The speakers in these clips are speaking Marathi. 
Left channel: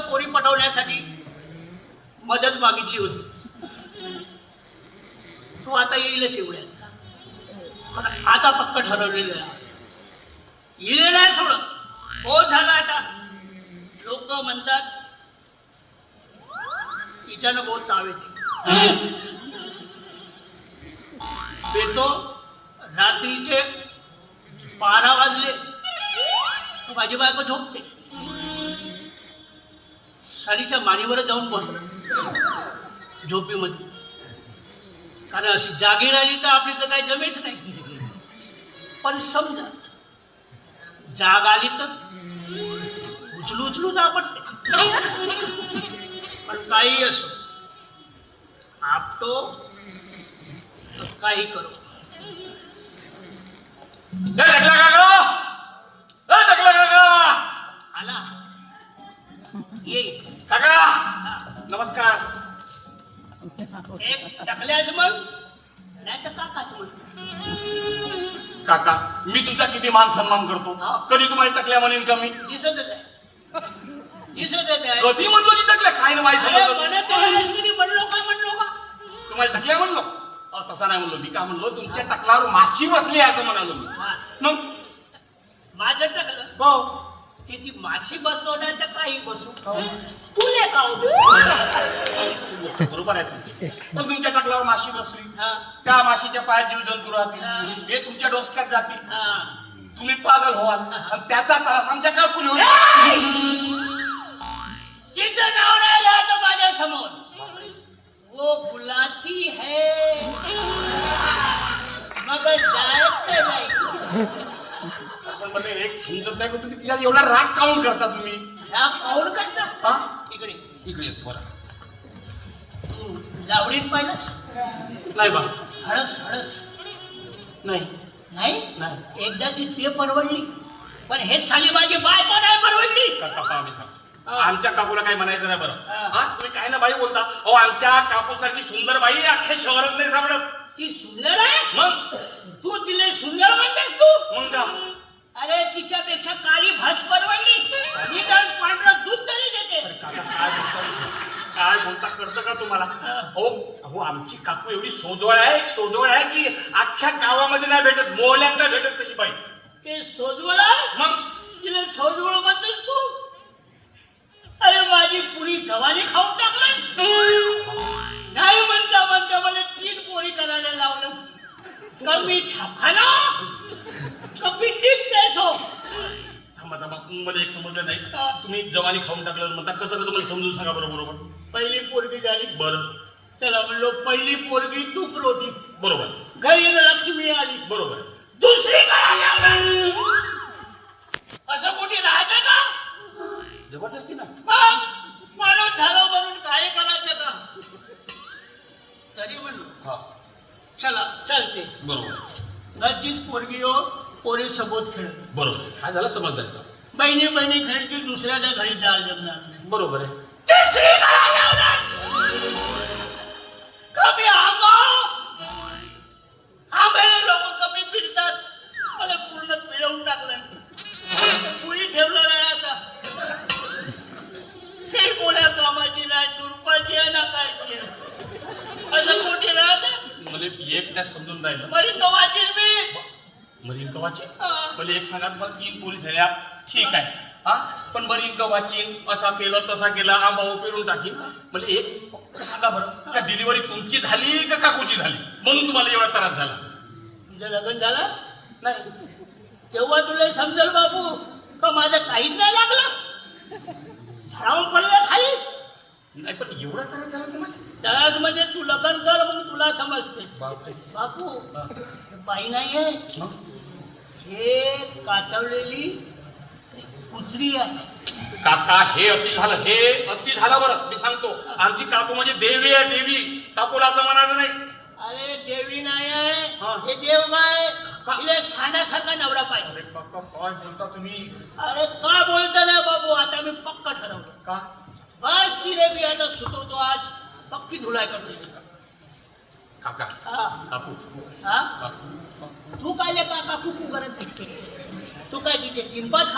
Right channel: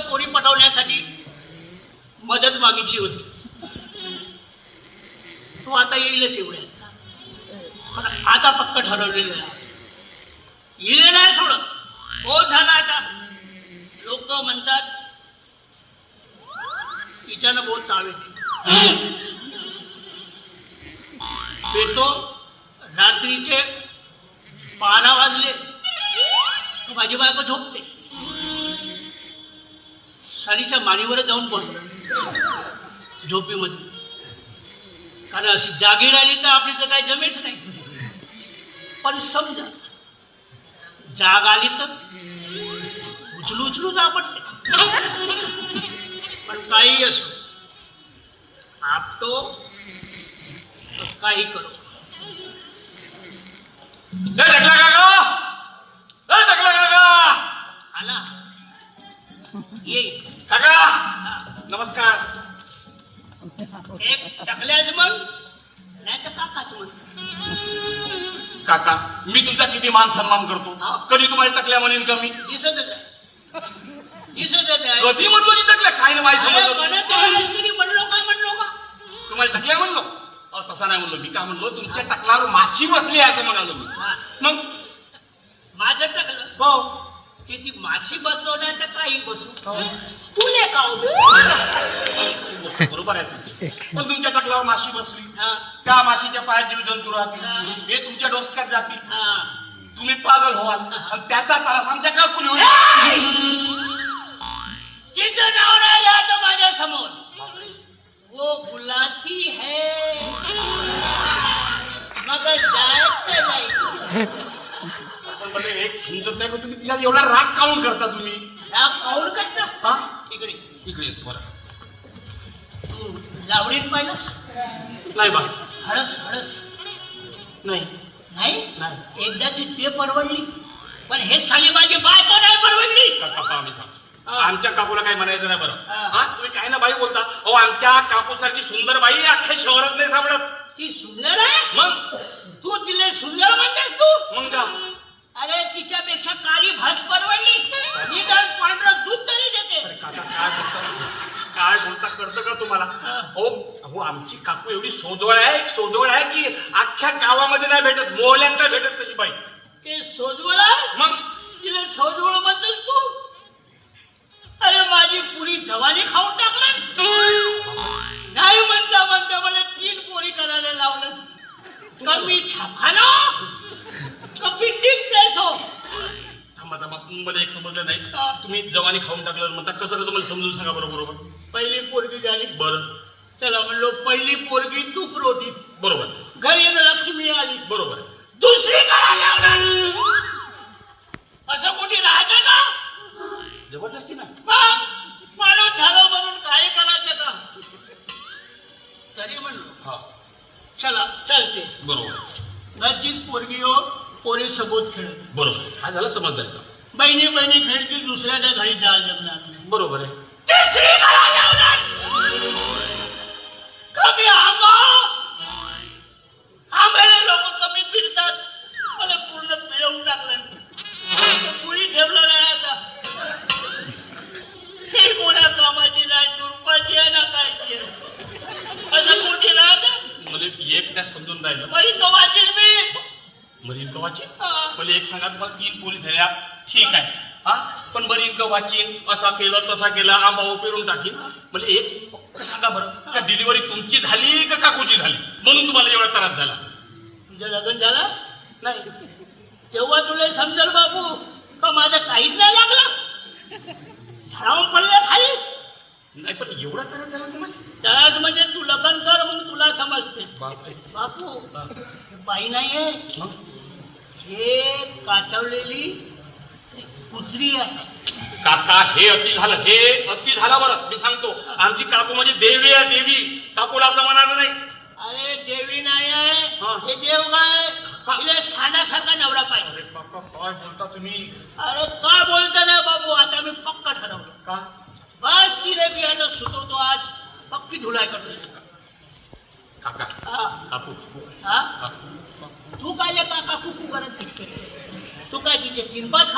पोरी पटवण्यासाठी मदत मागितली होती. तो आता येईलच एवढ्यात पण आता पक्क ठरवलेलं आहे. येईल नाही सोडत. हो झाला आता. लोक म्हणतात तिच्यानं बहुत ताव येते बेतो रात्रीचे बारा वाजले. माझी बायको झोपते. सारीच्या मानेवर जाऊन बसतो झोपेमध्ये. कारण अशी जागी राहिली तर आपली तर काही जमेच नाही. पण समजा जाग आली तर उचलू उचलू आपटते पण काही असो आपतो काही करू. ए, टकला काका! ए, टकला काका! आला. ये. काका नमस्कार. एक टाकल्याच म्हण नाही तर काकाच म्हण काका मी तुमचा किती मान सन्मान करतो? कधी तुम्हाला टकल्या म्हणेन का मी? दिसतच आहे कधी म्हणलो मी टकल्या काय ना माहिती? म्हणत म्हणलो काय म्हणलो का? तुम्हाला टकल्या म्हणलो? तसं नाही म्हणलो. मी काय म्हणलो? तुमच्या टकल्यावर माशी बसली आहे असं म्हणालो मी. हा. मग? माझं टाकलं. हो की ती माशी बसवण्याचं काही बसू तुले का बरोबर आहे तुमचं. पण तुमच्या टकल्यावर माशी बसली. हा. त्या माशीच्या पायात जीव जंतू राहतील. हे. तुमच्या डोसक्यात जातील. हा. तुम्ही पागल व्हाल. त्याचा त्रास आमच्या काकुली होईल. एक समजत नाही पण तुम्ही तिच्यात एवढा राग काऊन करता तुम्ही? पाहून करता? इकडे इकडे. तू लावडीत पाहिलंस? नाही बा. हळस हळस. नाही. नाही? नाही. एकदाची ते परवडली. पण हे साली माझी बायको नाही परवडली. काका. आमच्या काकूला काही म्हणायचं नाही बरं. हा. हा तुम्ही काय ना बाई बोलता? अहो आमच्या काकूसारखी सुंदर बाई अख्ख्या शहरात नाही सापडत. ती सुंदर आहे? मग तू तिला सुंदर म्हणतेस तू मग का अरे तिच्यापेक्षा काळी भास परवडली निदान पांढरं दूध तरी देते काका, काय बोलता? काय बोलता कळतं का तुम्हाला हो अहो काकू एवढी सोजवळ आहे सोजवळ आहे की अख्ख्या गावामध्ये नाही भेटत मोहल्यात नाही भेटत तशी बाई. ते सोजवळ? मग? तिला सोजवळ म्हणतेस तू? अरे माझी पुरी जवानी खाऊन टाकलं. नाही म्हणता म्हणता मला तीन पोरी करायला लावलं. कमी छापाना कमी थांबा थांबा मला एक समजलं नाही. तुम्ही जवानी खाऊन टाकलं म्हणता कसं कसं मला समजून सांगा बरं बरोबर? पहिली पोरगी झाली. बरं. त्याला म्हणलो पहिली पोरगी तूप रोटी बरोबर. घरी लक्ष्मी आली. बरोबर. दुसरी. असं कुठे राहते का? जबरदस्ती ना. माणूस झालं म्हणून काय करायचं का तरी म्हणलो. हा. चला चलते. बरोबर. नसतीच पोरगी हो पोरी सोबत खेळ. बरोबर. हा झाला समजदारीचा बहिणी बहिणी खेळतील दुसऱ्याच्या घरी जायला जमणार नाही. बरोबर आहे. तिसरी. कमी आंबा आंब्याने लोक कमी फिरतात. मला पूर्ण फिरवून टाकलं. कुणी ठेवलं नाही आता? काही कोणा कामाची नाही चुरपाची आहे ना काय असं मोठी राहत? मला एक त्या समजून राहिलं. बरी गव्हाची मी. मरीन कवाची हा. मला एक सांगा तुम्हाला तीन पोलीस झाल्या. ठीक आहे. हा? पण मरीन कवाची असा केलं तसा केला आंबा पेरून टाकीन. मला एक सांगा बरं का डिलिव्हरी तुमची झाली का काकूची झाली? म्हणून तुम्हाला एवढा त्रास झाला. तुझं लग्न झालं? नाही. तेव्हा तुला समजेल बाबू का माझं काहीच नाही लागलं? झाडावून पडलं खाली. नाही पण एवढा त्रास झाला तुम्हाला? त्याच म्हणजे तू लग्न कर मग तुला समजते. बापू बाई नाहीये. हे कातवलेली कुत्री काका हे अति झालं. हे अति झालं बरं. मी सांगतो आमची काकू म्हणजे देवी आहे देवी. काकूला असं म्हणायचं नाही. अरे देवी नाही आहे. हा. देव काय? तिला नवरा पाहिजे. काय बोलता तुम्ही? अरे काय बोलता ना बाबू? आता मी पक्का ठरवतो. का? बस सिलेबी आता सुचवतो आज. पक्की धुलाय करतो. काका हा. काकू. हा? काकू. तू काय ले काका कुकू करत? तू काय तिथे तीन पाच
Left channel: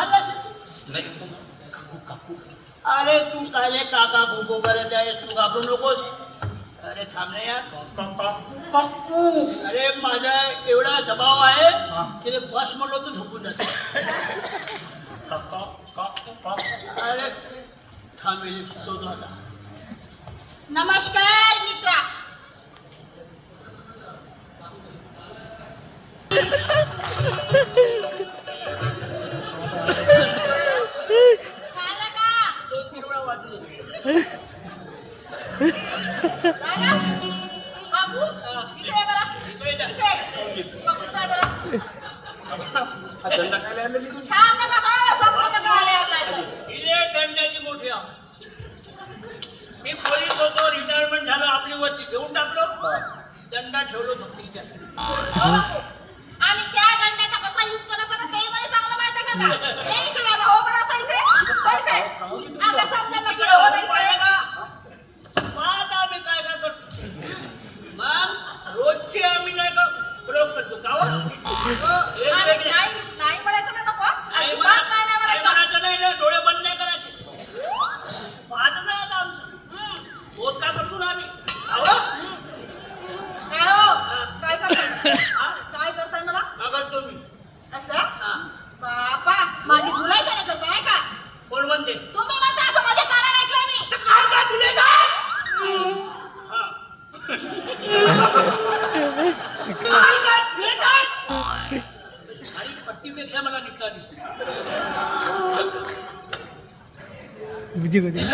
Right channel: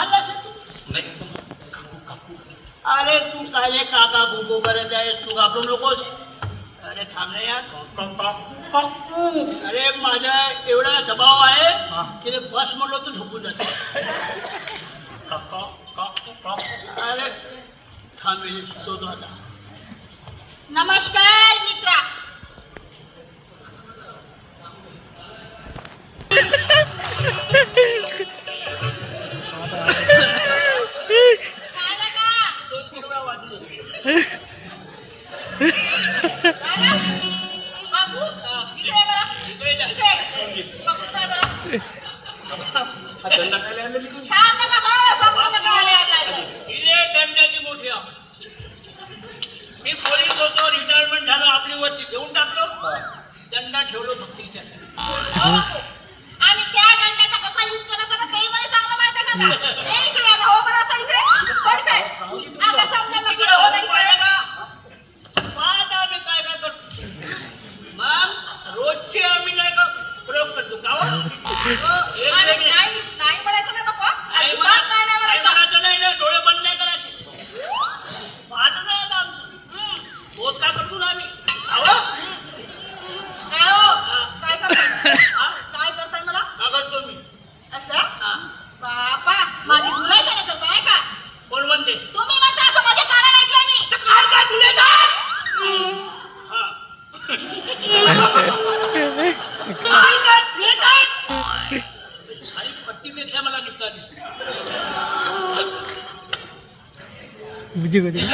अरे तू काले काका भूको करत जाए तू का घाबरू नकोस अरे थांब ना यार। पप्पू अरे माझा एवढा दबाव आहे हाँ। की बस म्हणलो तू झोपून जातो. अरे थांबेल तो दादा नमस्कार. मी पोलीस होतो रिटायरमेंट झालं आपली वरती घेऊन टाकलो दंडा ठेवलो फक्त आणि त्या दंडाचा कसा युज करायचा Где, где?